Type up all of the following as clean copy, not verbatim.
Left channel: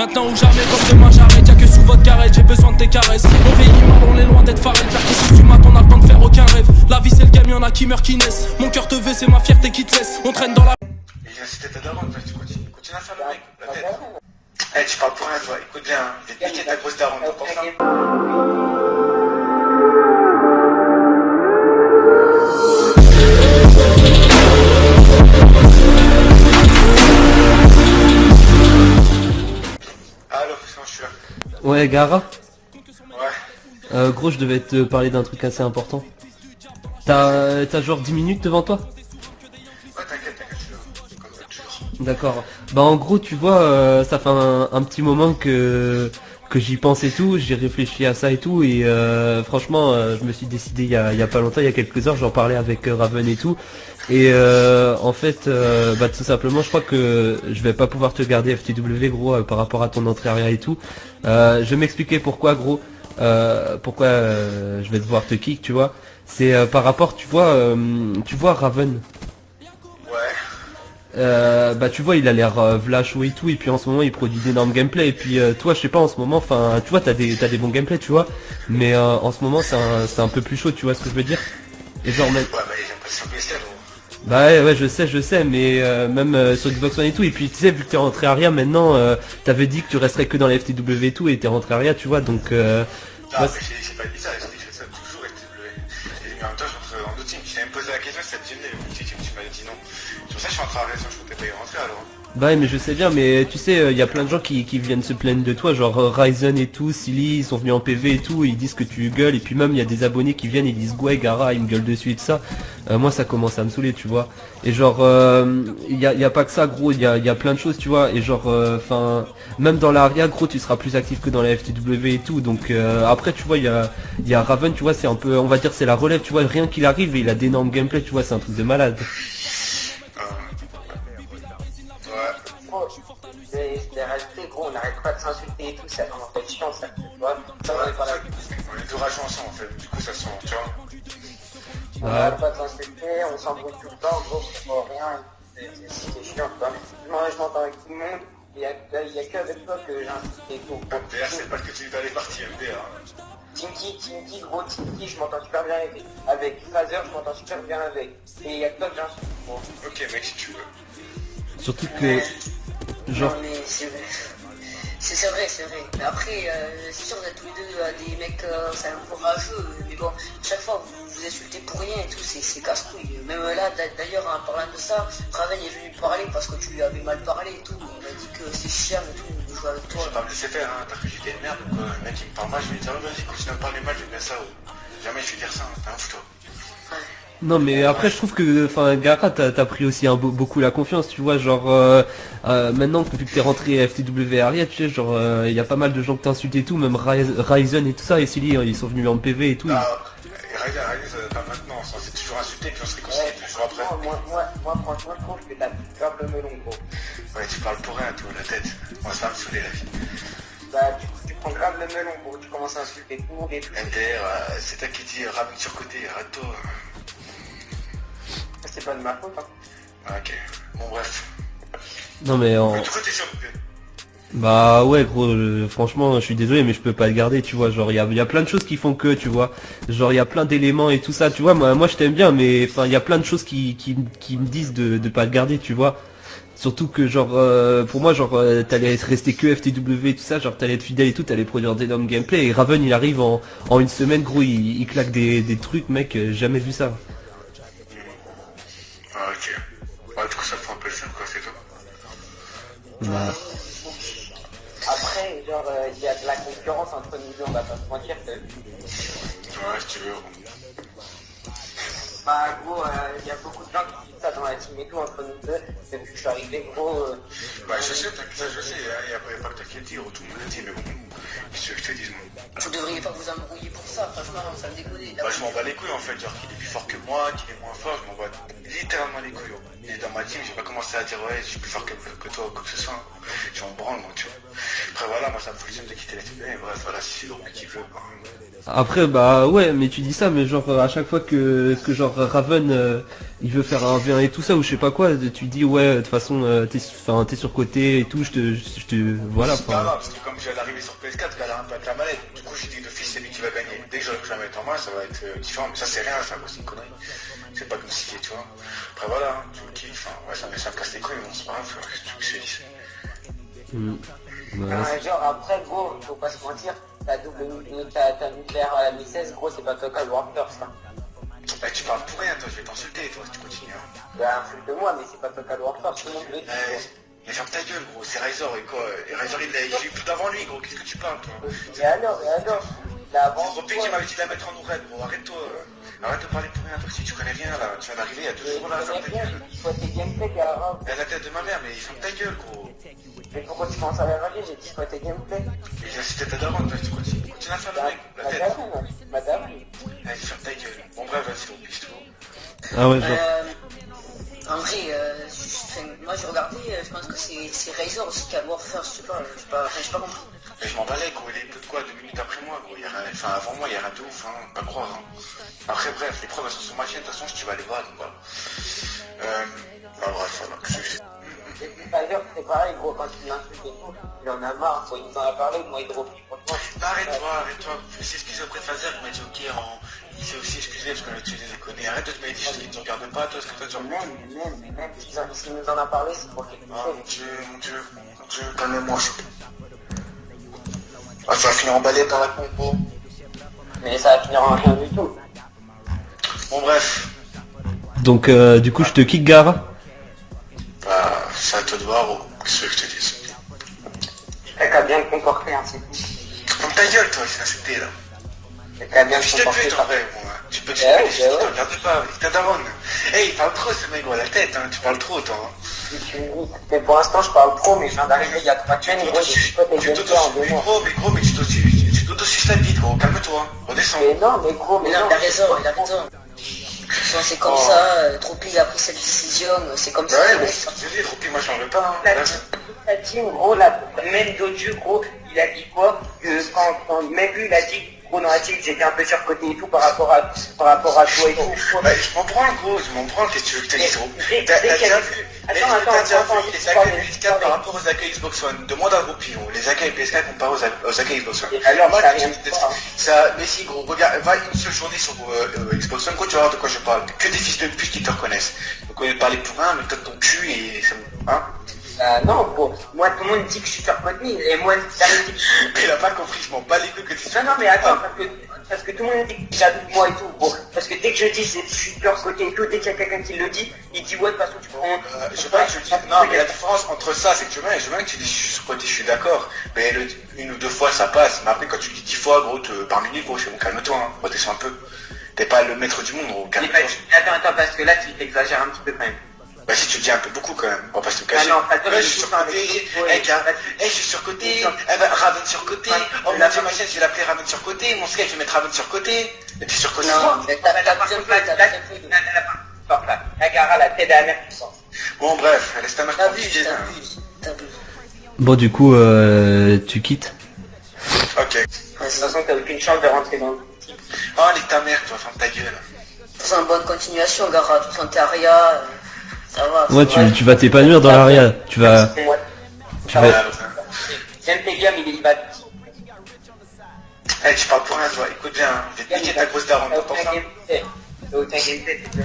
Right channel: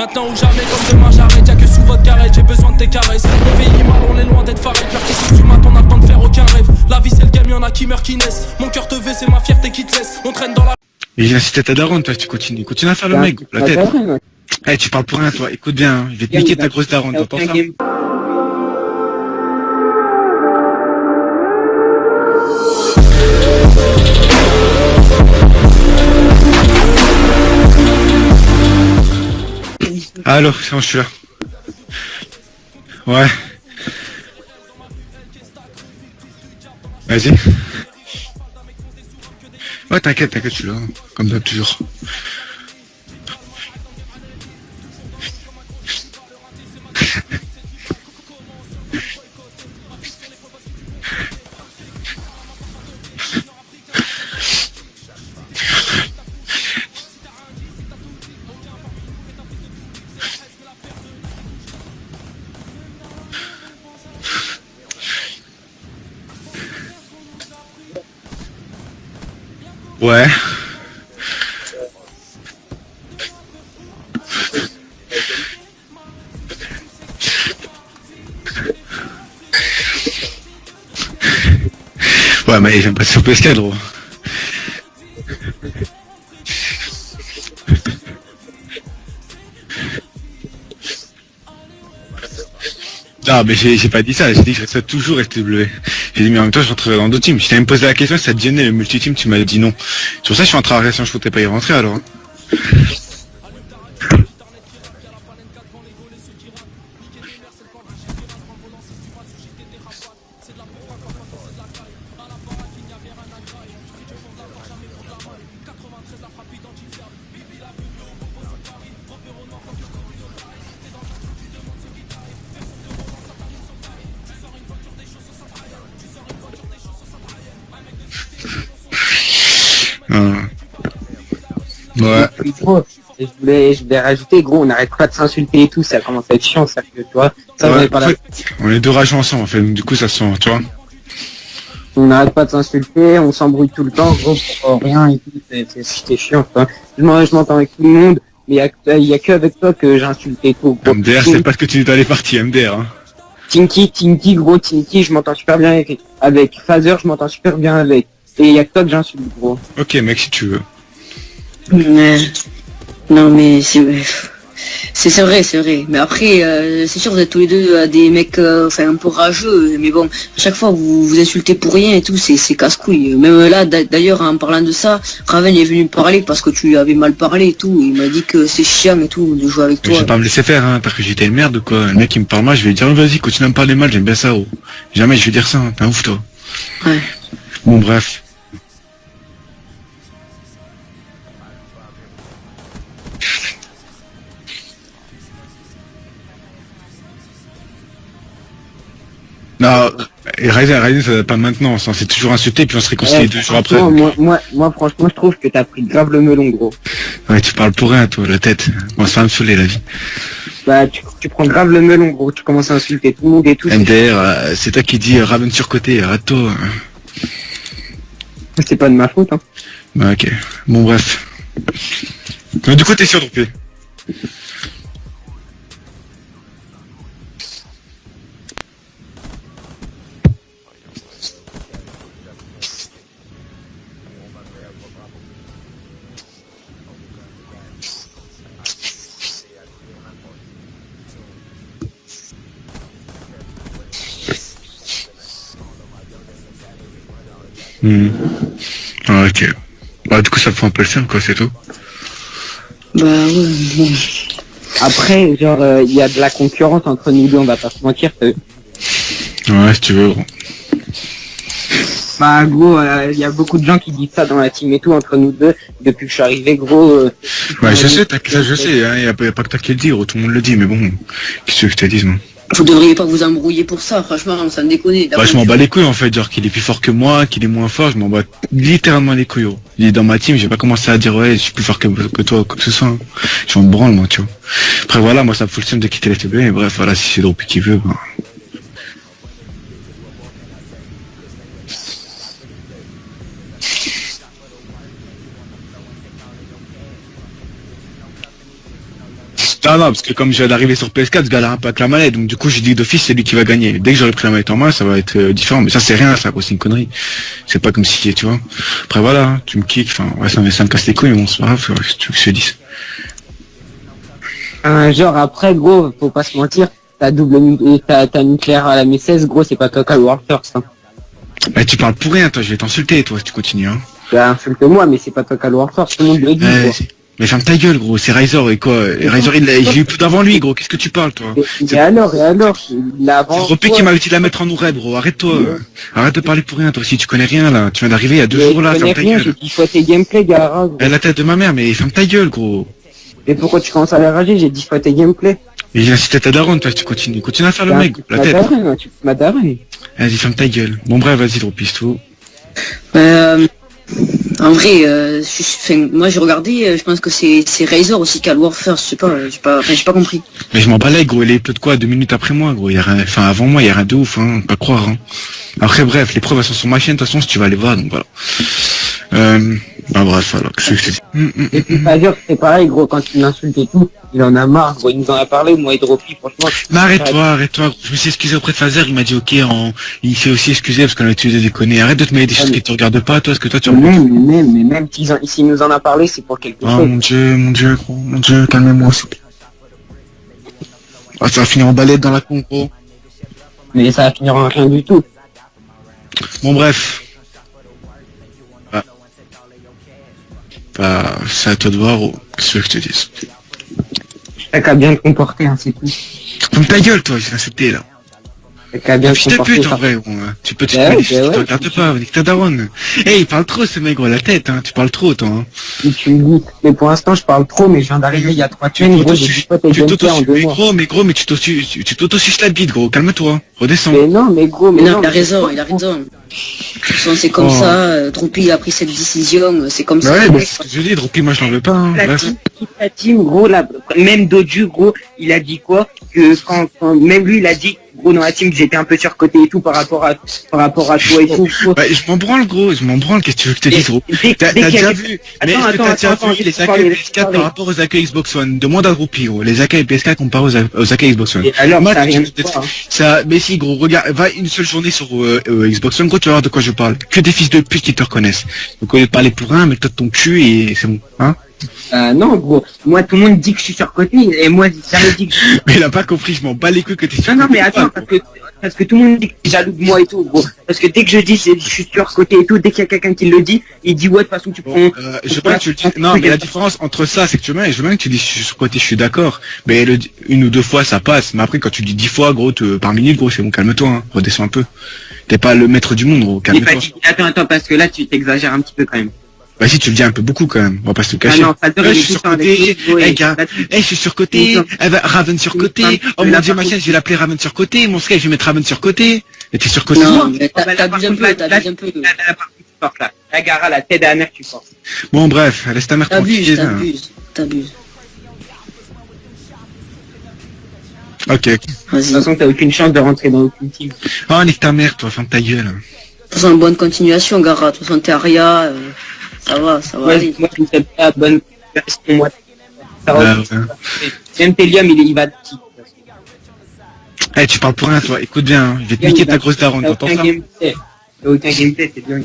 Maintenant ou jamais, comme demain j'arrête. Y'a que sous votre carrette, j'ai besoin de tes caresses. On vieillit mal, on est loin d'être faré. Père qui si tu mates, on a le temps de faire aucun rêve. La vie c'est le game, y'en a qui meurent, qui naissent. Mon cœur te veut, c'est ma fierté qui te laisse. On traîne dans la... Et j'ai incité ta daronne, toi, tu continues. Continue à faire le mec, la tête. Eh, tu parles pour rien, toi. Écoute bien, hein. Je vais te niquer ta grosse daronne, t'as pas faire. Allô, c'est bon, je suis là. Ouais, Gara. Ouais. Gros, je devais te parler d'un truc assez important. Vas-y. T'as genre 10 minutes devant toi? Ouais, t'inquiète, je suis là. Comme d'hab, toujours. D'accord. Bah en gros, tu vois, ça fait un petit moment que j'y pense et tout, j'ai réfléchi à ça et tout, et franchement, je me suis décidé il y a pas longtemps, il y a quelques heures, j'en parlais avec Raven et tout, et en fait, bah tout simplement, je crois que je vais pas pouvoir te garder FTW, gros, par rapport à ton entraînement et tout. Je vais m'expliquer pourquoi, gros, pourquoi je vais devoir te kick, tu vois. C'est par rapport, tu vois Raven. Ouais. Bah tu vois, il a l'air v'là chaud et tout, et puis en ce moment il produit d'énormes gameplay, et puis toi je sais pas, en ce moment, enfin tu vois, t'as des bons gameplays, tu vois, mais en ce moment c'est un peu plus chaud, tu vois ce que je veux dire. Ouais, mais j'aime pas sur PS4, gros. Bah ouais, je sais, mais même sur Xbox One et tout, et puis tu sais, vu que tu es rentré Aria maintenant, t'avais dit que tu resterais que dans les FTW et tout, et t'es rentré Aria, tu vois, donc... Non, mais j'ai pas dit ça, j'ai dit que je resterais toujours FTW. J'ai dit, mais en même temps, je rentrerai dans d'autres teams. Je t'avais posé la question si ça te gênait le multi-team, tu m'avais dit non. Sur ça, je suis rentré à Aria, si je comptais pas y rentrer alors. Hein. Bah mais je sais bien, mais tu sais, y a plein de gens qui viennent se plaindre de toi, genre Ryzen et tout, Silly, ils sont venus en PV et tout, ils disent que tu gueules, et puis même il y a des abonnés qui viennent, ils disent ouais Gara, ils me gueulent dessus et tout ça. Moi ça commence à me saouler, tu vois. Et genre, y a pas que ça, gros, y a plein de choses, tu vois, et genre, enfin, même dans l'Aria, gros, tu seras plus actif que dans la FTW et tout, donc après, tu vois, y a Raven, tu vois, c'est un peu, on va dire, c'est la relève, tu vois, rien qu'il arrive, et il a d'énormes gameplays, tu vois, c'est un truc de malade. Ouais. Gros, je voulais rajouter, gros, on n'arrête pas de s'insulter et tout, ça commence à être chiant, ça, tu vois. Ça, Ouais, pas en fait, on est deux rageants ensemble, en fait, du coup, ça se sent, tu vois. On n'arrête pas de s'insulter, on s'embrouille tout le temps, gros, pour rien et tout, c'est chiant, quoi. Je m'entends avec tout le monde, mais il y a que avec toi que j'insulte et tout, gros. MDR, c'est pas ce que tu dis dans les parties, MDR, hein. Tinky, gros, Tinky, je m'entends super bien avec Phaser, je m'entends super bien avec. Et il y a que toi que j'insulte, gros. Ok, mec, si tu veux. Mais... Non mais c'est vrai, c'est vrai. Mais après, c'est sûr, vous êtes tous les deux des mecs enfin un peu rageux, mais bon, à chaque fois vous vous insultez pour rien et tout, c'est casse-couille. Même là, d'ailleurs, en parlant de ça, Raven est venu me parler parce que tu lui avais mal parlé et tout. Il m'a dit que c'est chiant et tout de jouer avec toi. Je vais pas me laisser faire, hein, parce que j'étais une merde ou quoi. Le mec il me parle mal, je vais lui dire, vas-y, continue à me parler mal, j'aime bien ça, oh. Jamais je vais dire ça, hein. T'es un ouf, toi. Ouais. Non mais Bon, après bref. je trouve que enfin Gara t'as pris aussi beaucoup la confiance, tu vois, genre maintenant que tu es rentré à FTW Aria, tu sais, genre il y a pas mal de gens que t'insultes et tout, même Ryzen et tout ça, et Silly ils sont venus en PV et tout. Non, et Ryzen ça va pas maintenant, on s'est toujours insulté puis on se réconcilie 2 jours après. Moi, franchement, je trouve que t'as pris grave le melon, gros. Ouais, tu parles pour rien, toi, la tête. On va se faire insuler, la vie. Bah, tu prends grave le melon, gros, tu commences à insulter tout le monde et tout. MDR, c'est toi qui dis Raven surcoté, arrête-toi. C'est pas de ma faute, hein. Bah ok, bon bref. Non mais Mais du coup t'es sûr donc bah ouais gros, franchement je suis désolé mais je peux pas le garder, tu vois, genre il y a plein de choses qui font que, tu vois, genre il y a plein d'éléments et tout ça, tu vois, moi je t'aime bien, mais enfin il y a plein de choses qui me disent de pas le garder, tu vois. Surtout que genre pour moi genre t'allais être resté que FTW et tout ça, genre t'allais être fidèle et tout, t'allais produire d'énormes gameplay, et Raven il arrive en une semaine, gros, il claque des trucs, mec, jamais vu ça. Ah, ok. Bah du coup ça te fait un peu le seum quoi, c'est tout. Bah bon. Après, genre, il y a de la concurrence entre nous deux, on va pas se mentir. Ouais, si tu veux. Gros. Bah, gros, il y a beaucoup de gens qui disent ça dans la team et tout, entre nous deux, depuis que je suis arrivé, gros. Ouais, je sais, t'inquiète, je sais, hein, y a pas que toi qui le dis, gros, tout le monde le dit, mais bon, qu'est-ce que tu veux que je te dise, moi. Vous devriez pas vous embrouiller pour ça, franchement, ça me déconne. Bah je m'en bats les couilles en fait, genre qu'il est plus fort que moi, qu'il est moins fort, je m'en bats littéralement les couilles. Gros. Il est dans ma team, j'ai pas commencé à dire ouais je suis plus fort que toi ou quoi que ce soit. Hein. Je m'en branle moi, tu vois. Après voilà, moi ça me fout le seum de quitter la FTB, et bref voilà, si c'est Dropi qui veut. Bah. Après bah ouais, mais tu dis ça, mais genre à chaque fois que genre Raven il veut faire un bien et tout ça ou je sais pas quoi, tu te dis ouais de toute façon t'es surcoté et tout, voilà. Non, parce que comme je viens d'arriver sur PS4, je galère un peu avec la manette, donc du coup j'ai dit d'office c'est lui qui va gagner. Dès que j'aurai pris la manette en main, ça va être différent, mais ça c'est rien, ça c'est une connerie. C'est pas comme si, tu vois. Après voilà, hein, tu me kicks, enfin ouais ça me casse les couilles, mais bon c'est pas grave, ouais, tu veux que je te dise. Genre après, gros, faut pas se mentir, t'as nucléaire à la M16, gros, c'est pas toi qui as le War First. Hein. Bah tu parles pour rien, toi, je vais t'insulter, toi, si tu continues, hein. Bah, insulte-moi, mais c'est pas toi qui as le War First, tout le monde le dit, gros. Mais ferme ta gueule, gros, c'est Riser et quoi. Riser, j'ai eu tout avant lui, gros, qu'est-ce que tu parles, toi? Et alors, il a avant. C'est Ropé qui m'a dit de la mettre en oureb, gros, arrête-toi. Arrête de parler pour rien, toi, si tu connais rien, là. Tu viens d'arriver il y a 2 jours, là, ferme ta gueule. J'ai dit fois tes gameplays, Gara. La tête de ma mère, mais ferme ta gueule, gros. Et pourquoi tu commences à la rager? J'ai 10 fois tes gameplays. Et j'ai incité ta daronne, toi, si tu continues. Continue à faire le mec, la tête. Tu m'as daré. Vas-y, ferme ta gueule. Bon, bref, vas-y, dropiste tout. Ah ouais. En vrai, moi j'ai regardé, je pense que c'est Razer aussi qui a le War First, je sais pas, j'ai pas compris. Mais je m'en balais, gros, il est peu de quoi, 2 minutes après moi, gros. Enfin, avant moi, il y a rien de ouf, hein, pas croire, hein. Après, bref, les preuves, elles sont sur ma chaîne, de toute façon, si tu vas aller voir, donc voilà. Bah bref, alors, qu'est-ce que je te dis? Et puis pas dire que c'est pareil, gros, quand il l'insulte et tout, il en a marre, gros, il nous en a parlé, moi, Hydropi, franchement. Mais arrête-toi. Je me suis excusé auprès de Fazer, il m'a dit ok, il s'est aussi excusé parce qu'on a utilisé des conneries. Arrête de te mêler des choses qui te regardent pas, toi, est-ce que toi tu remontes? Mais même s'il nous en a parlé, c'est pour quelque chose. Oh mon dieu, calme-moi. Ah, tu vas finir en balade dans la con, gros. Mais ça va finir en rien du tout. Bon bref. Donc du coup je te kick Gara. Bah, c'est à toi de voir, qu'est-ce que je te dis. T'as qu'à bien te comporter, hein, c'est tout. Comme ta gueule, toi, j'ai insulté, là. T'as qu'à bien te Putain de comporter. pute, en vrai, bon, hein. Tu peux te Ouais, faire, ouais. tu regardes pas, t'es daronne. Eh, il parle trop, ce mec, gros, la tête, hein, tu parles trop, toi, hein. Et tu me dis, mais pour l'instant, je parle trop, mais je viens d'arriver il y a 3 semaines, gros, j'ai dit pas tes gameplays en 2 mois. mais tu t'auto-suces la bite, gros, calme-toi, redescends. Mais non, mais gros, Mais mais non, non. il a raison. Bon, c'est comme ça, Droopy a pris cette décision, c'est comme ça. Ouais, mais je dis, Droopy, moi je n'en veux pas, hein. La team, gros, là, même Doju, gros, il a dit quoi? Que quand même lui, il a dit, gros, dans la team, j'étais un peu surcoté et tout par rapport à toi et tout. Ouais, je m'en branle, gros, qu'est-ce que tu veux que je te dise, gros? T'as déjà vu, mais est-ce que t'as déjà vu les accueils PS4 par rapport aux accueils Xbox One? Demande à Droopy, gros, les accueils PS4 comparés aux accueils Xbox One. Alors, Moi, ça arrive ça, mais si, gros, regarde, va une seule journée sur Xbox One, gros, tu vas voir de quoi je parle. Que des fils de pute qui te reconnaissent. Donc, on va parler pour un, mais toi ton cul et c'est bon, hein? non, gros, moi, tout le monde dit que je suis surcoté, et moi, j'avais dit que Mais il a pas compris, je m'en bats les couilles que t'es non, mais attends, parce que tout le monde dit que jaloux de moi et tout, gros. Parce que dès que je dis je suis surcoté et tout, dès qu'il y a quelqu'un qui le dit, il dit ouais, de toute façon tu prends. Je sais pas que tu dis, non, mais la différence entre ça, c'est que je veux bien que tu dis je suis surcoté, je suis d'accord, mais une ou deux fois ça passe, mais après quand tu dis 10 fois, gros, par minute, gros, c'est bon, calme-toi, hein, redescends un peu. T'es pas le maître du monde, gros, calme-toi. Attends, parce que là tu t'exagères un petit peu quand même. Bah si tu le dis un peu beaucoup quand même, on va pas se le cacher. Ah non, pas de je vrai, suis surcoté, je suis surcoté, Raven surcoté, oh mon dieu ma chaîne je vais l'appeler Raven surcoté, mon frère je vais mettre Raven surcoté, et t'es surcoté. Non, mais t'abuses un peu. La Gara, la tête à la mère qui sort. Bon bref, laisse ta mère tranquille. T'abuses. Bon du coup tu quittes. Ok. De toute façon t'as aucune chance de rentrer dans le team. Oh nique ta mère, toi, ferme ta gueule. De toute façon, bonne continuation, Gara. De toute façon, t'es Aria, ça va. Ouais, tu vas t'épanouir dans l'aria. Tu vas... Même Telium, il va... Eh, tu parles pour rien, toi, écoute bien, hein. Je vais te niquer ta grosse daronne, t'entends ça? Aucun gameplay, c'est bien.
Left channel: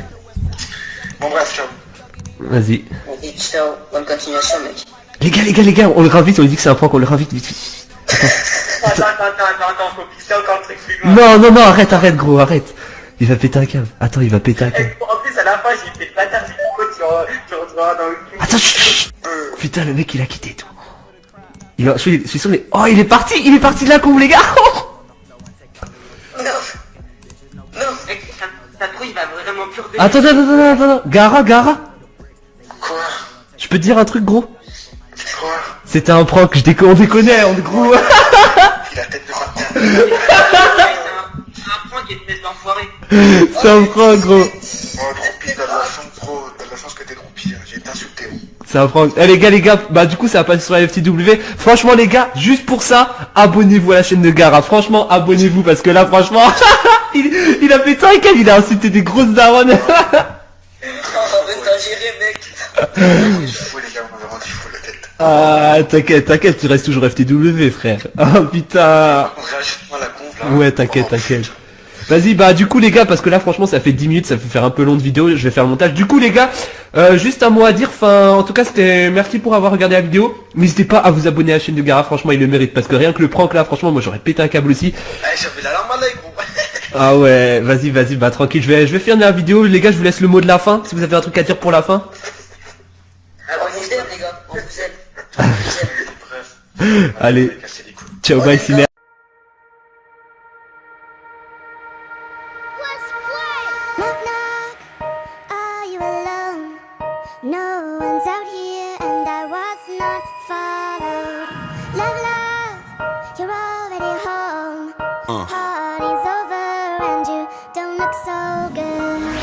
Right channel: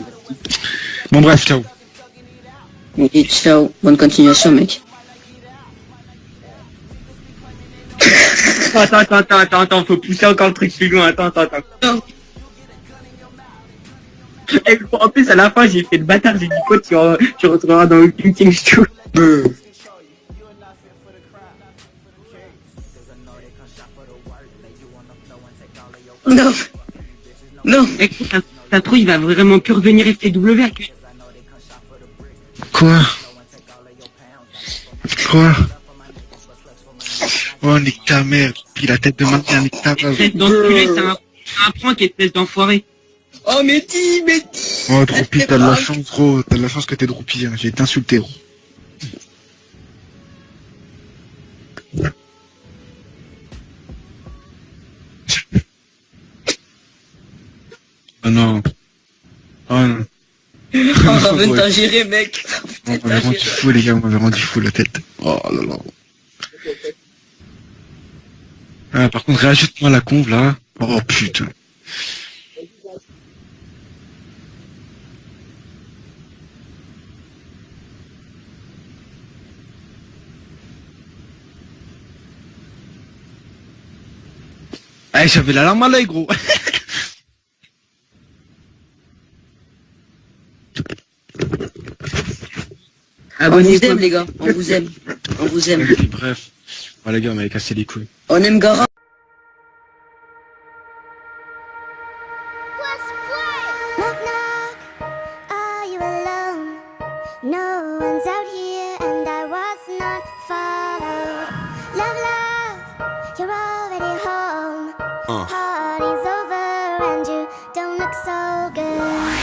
Bon bref, ciao. Vas-y. Et ciao, bonne continuation, mec. Les gars, on le ravite, on lui dit que c'est un prank, on le ravite vite. Attends, faut pousser encore un truc plus loin. Non, arrête gros, arrête. Il va péter un câble. Attends, il va péter un câble. En plus, à la fin, j'ai fait le bâtard, j'ai dit quoi, tu retrouveras dans le team. Putain, le mec il a quitté tout. Je suis sûr, mais... Oh, il est parti de la combe, les gars. Non. Mec, t'as trop, il va vraiment plus revenir. Attends. Gara. Quoi? Je peux te dire un truc, gros? Quoi? C'était un prank, on déconnait, Oh, nique ta mère, il a tête de maintien. C'est un point qui est espèce d'enfoiré. C'est un prank, gros. Oh, Droopy, t'as de la chance, gros, t'as de la chance que t'es Droopy, hein. J'ai été insulté. C'est un prank. Eh les gars, bah du coup ça va passer sur la FTW. Franchement les gars, juste pour ça, abonnez-vous à la chaîne de Gara. Franchement, abonnez-vous parce que là franchement, il a fait ça et il a insulté des grosses daronnes. Oh, t'as géré, mec. On est rendu fou, les gars, on est rendu fou la tête. Ah, t'inquiète, tu restes toujours FTW, frère. Oh Par putain. contre, réajuste-moi la conve là. Ouais, t'inquiète. Vas-y, bah du coup les gars, parce que là franchement ça fait 10 minutes, ça fait faire un peu long de vidéo, je vais faire le montage. Du coup les gars, juste un mot à dire, enfin en tout cas c'était merci pour avoir regardé la vidéo. N'hésitez pas à vous abonner à la chaîne de Gara, franchement il le mérite, parce que rien que le prank là, franchement moi j'aurais pété un câble aussi. Ah, j'avais la larme à l'œil, gros. Ah ouais, vas-y, bah tranquille, je vais finir la vidéo, les gars je vous laisse le mot de la fin, si vous avez un truc à dire pour la fin. On vous aime les gars, on vous aime. On vous aime. Bref. Voilà, les gars, Allez. on va casser les coups. Ciao On aime guys, Gara. Knock knock, are you alone? No one's out here and I was not followed. Love, love, you're already home. Party's over and you don't look so